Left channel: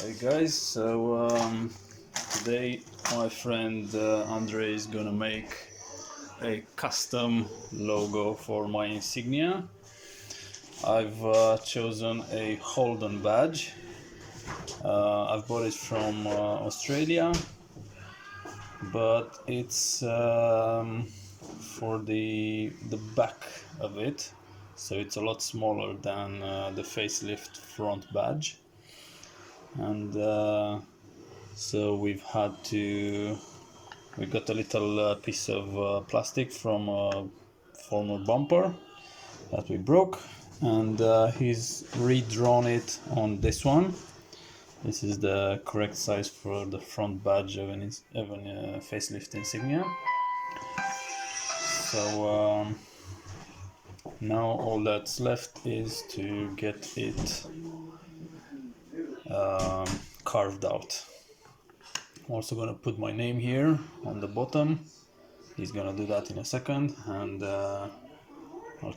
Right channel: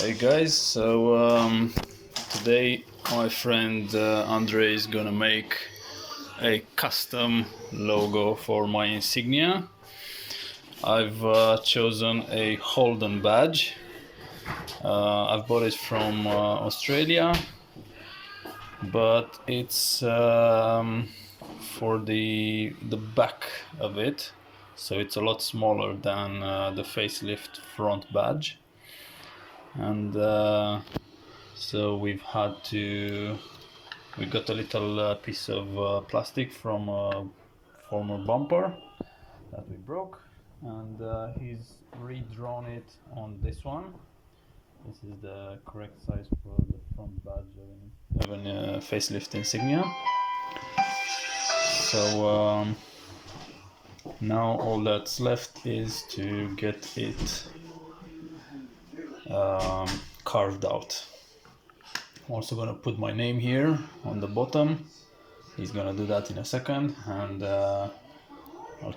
Hey guys, today my friend Andre is gonna make a custom logo for my Insignia. I've chosen a Holden badge. I've bought it from Australia, but it's for the back of it, so it's a lot smaller than the facelift front badge, and so we got a little piece of plastic from a former bumper that we broke, and he's redrawn it on this one. This is the correct size for the front badge of an facelift Insignia. So now all that's left is to get it carved out. I'm also gonna put my name here on the bottom. He's gonna do that in a second, and I'll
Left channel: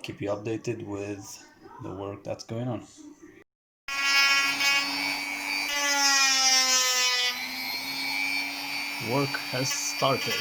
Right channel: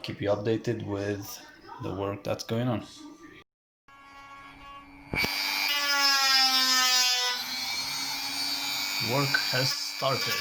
keep you updated with the work that's going on. Work has started.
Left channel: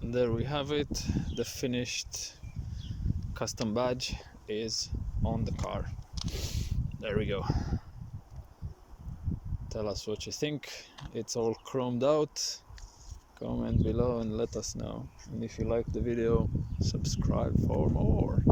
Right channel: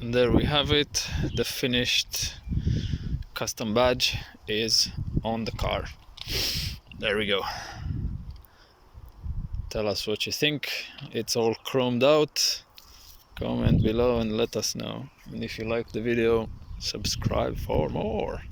And there we have it. The finished custom badge is on the car. There we go. Tell us what you think. It's all chromed out. Comment below and let us know. And if you like the video, subscribe for more.